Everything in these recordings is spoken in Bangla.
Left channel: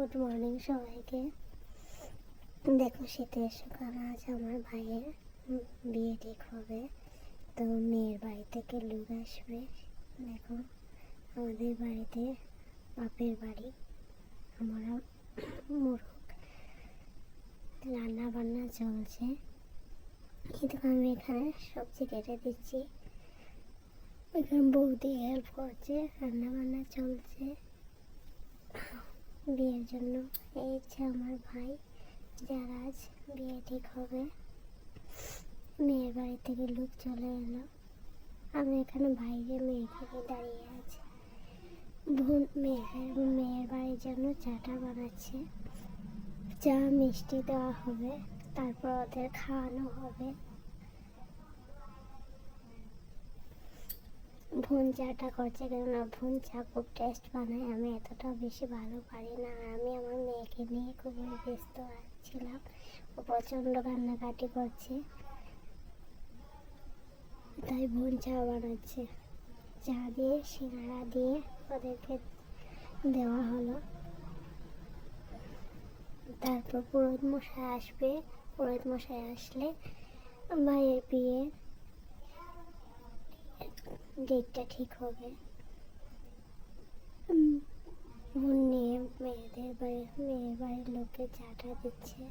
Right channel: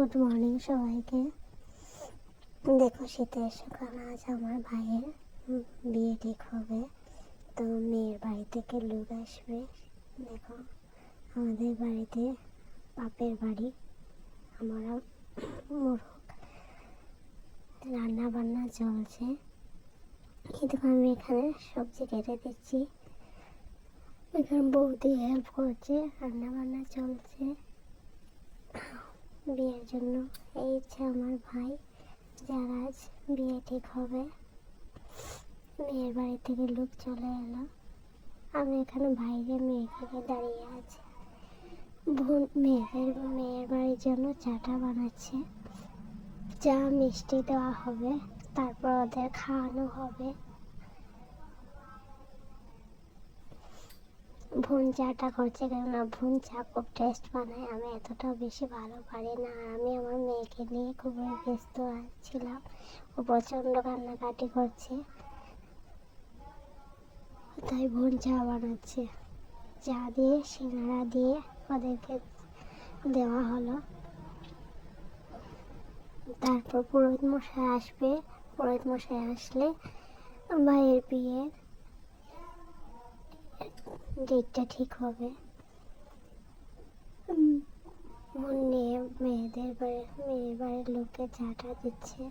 গুড মর্নিং সবাইকে। দেখো শীতের সকাল আজ আমার ভাইয়ের বিয়ে ঠিক হবে। তো মেয়ের বাড়ি থেকে লোক আসবে। দেখো, আমাদের বাড়িতে বাপের বাড়ি, আমরা মুরগ। রান্না বান্না চলছে। কিন্তু আমি এখানে সবজি কেটে দিচ্ছি। এখানে বৌদি হেল্প করছে রান্না বান্না চলছে। বিয়ের জন্য। এই হচ্ছে আমার ভাই, যার আজ বিয়ে ঠিক হবে। মেয়ের বাড়ি থেকে লোক চলে এলো। আমি এখানে বাইরে নিয়ে দাঁড়িয়ে আছি। বোন, মেয়ের মেয়ের বাড়ির জন্য চাটা বানাচ্ছে। চা মিষ্টি দেওয়া হবে, তারপর ওদের খাওয়ানো হবে। ভুন চাটা করছে কেননা ভুন চা খুব টেস্ট বানায়, আমি এতটা বেশি ভালো পারি না। আর আমি আমার মেয়েকে নিয়ে খুবই ব্যস্ত ছিলাম, ও প্রচণ্ড কান্নাকাটি করছে। তাই ভুন চা বানাচ্ছে। চা দিয়ে, সিঙ্গারা দিয়ে ওদেরকে দেওয়া হলো। তারপর পুরোহিত মশাই আসবে। পুরোহিত মশাই আসলে ভাইয়ের বিয়ে ডেটটা ঠিক হবে। বোন নিয়ে মেয়েদের বাড়ি, মেয়ের বাড়ির লোককে চাটা দিচ্ছে।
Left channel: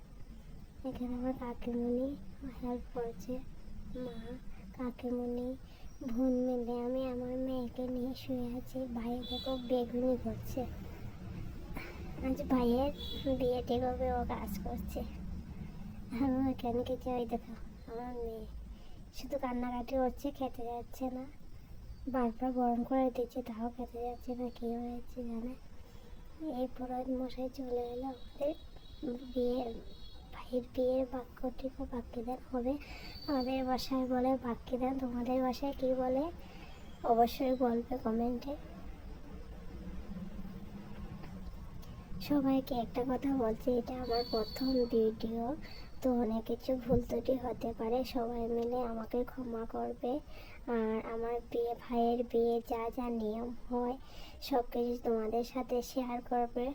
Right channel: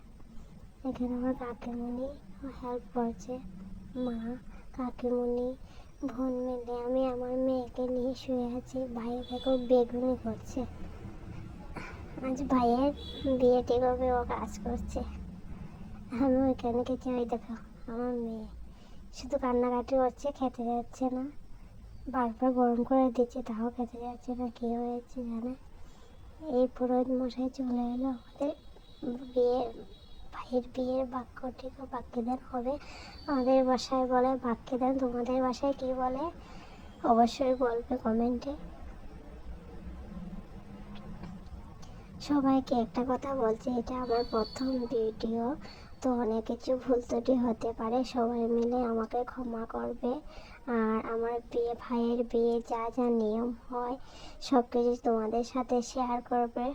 এখানে আমার কাকিমুনি হেল্প করছে। মা, কাকিমুনি, বোন মিলে আমি আমার মেয়েকে নিয়ে শুয়ে আছি। ভাই দেখো বেগুনি করছে আজ ভাইয়ের বিয়ে ঠিক হবে, ও কাজ করছে। আমি ওইখানে গেছি ওই দেখো। আমার মেয়ে শুধু কান্নাকাটি হচ্ছে খেতে যাচ্ছে না। বারবার গরম করে দিচ্ছে তাও খেতে যাচ্ছে না, কী হয়েছে জানে? এই পুরোহিত মশাই চলে এলো আমাদের বিয়ের, ভাইয়ের বিয়ের বাক্য ঠিক বাক্যদান হবে আমাদের বাসায় বলে বাক্যদান, তোমাদের বাসায় কী বলে? অবশ্যই বলবে কমেন্টে। সবাইকে একটা কথা বলছে, এটা আমার প্রথম ভিডিও। তো অনেক কিছু ভুল ত্রুটি হতে পারে, সবাই মিলে আমাকে ক্ষমা করবে। আর আমার বিয়ে, ভাইয়ের বিয়ে, যা যা নিয়ম হয়, সব কিছু তোমাদের সাথে শেয়ার করবে।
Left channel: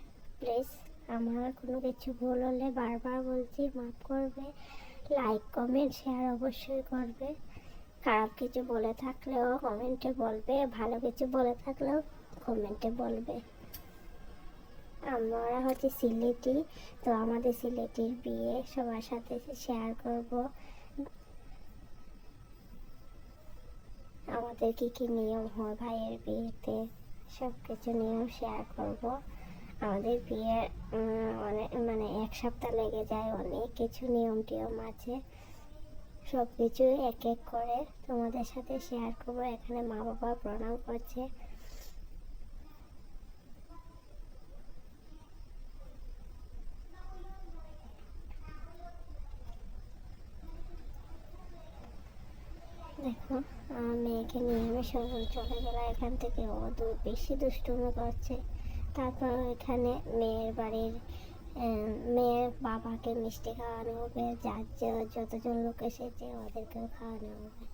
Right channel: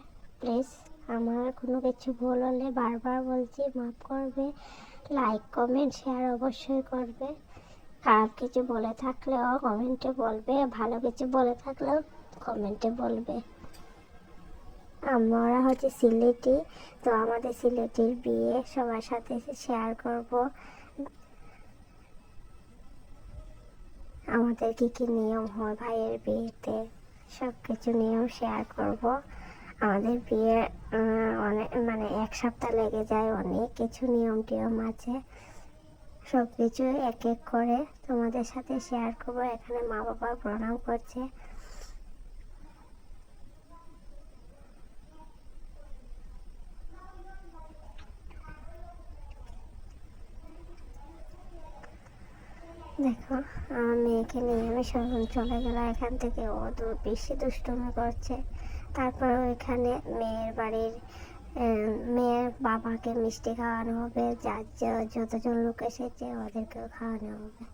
প্লিজ আমার কোনো কিছু ভুল হলে বারবার বলছি, মাফ করবে। লাইক কমেন্ট শেয়ার অবশ্যই করবে। খারাপ কিছু বলে থাকলেও কমেন্টে বলবে, ভালো কিছু বলে থাকলেও কমেন্টে বলবে। আমরা হচ্ছে সিলেটি, তো আমাদের সিলেটির বিয়ে সবার সাথে শেয়ার করব। আমাদের কি কি নিয়ম হয় ভাইয়ের বিয়েতে? সব কিছু নিয়ম শেয়ার করব। আমাদের বিয়ে অনেক মানে এক সপ্তাহ লেগে যায়, অনেক কিছু নিয়ম টিয়ম আছে। সব কিছু এক এক করে তোমাদের সাথে শেয়ার করব। এখানে মা বাবা প্রণাম করছে। দেখো মেয়েকে নিয়ে আমি শোরুম চলে গেলাম, এখান থেকে ও তো বেশি দুষ্টুমি করছে। তারপর ওইখানে মেয়ের বাড়ির মেয়ের বাবাকে মিষ্টি খাওয়ানো হবে, যার যতজন লোক এসেছে ওদেরকেও খাওয়ানো হবে।